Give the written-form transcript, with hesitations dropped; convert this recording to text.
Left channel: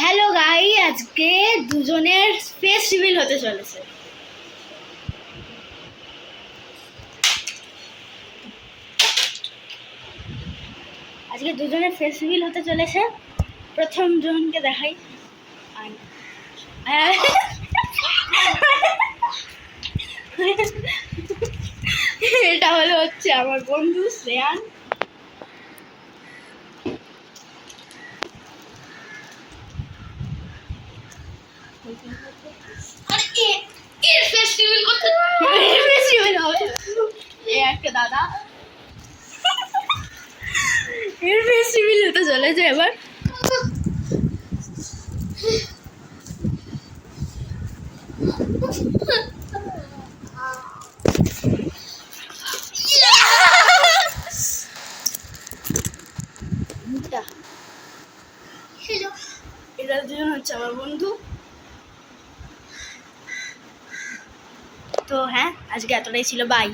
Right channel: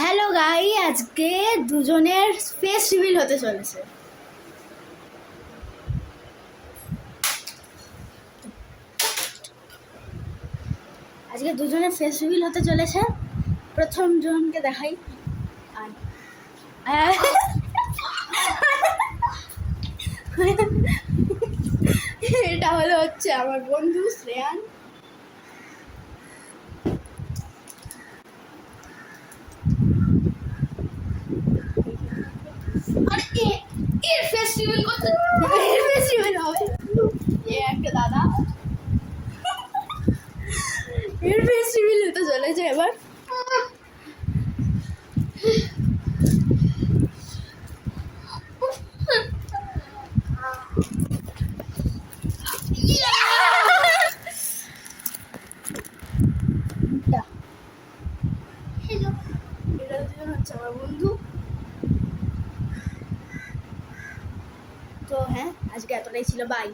Hello guy, আজকে দুজনের face reveal হতে চলেছে। আজকে দুজনের ফেস রিভিল হতে চলেছে। প্রথম জনকে দেখাই। এটা হচ্ছে আমার বন্ধু শ্রেয়ান। দাদা এর ফেস রিভিল হতে চলেছে এবার। এরা দুজন হচ্ছে আমার বন্ধু। তো হ্যাঁ, আজকে এতটাই ছিল, বাই।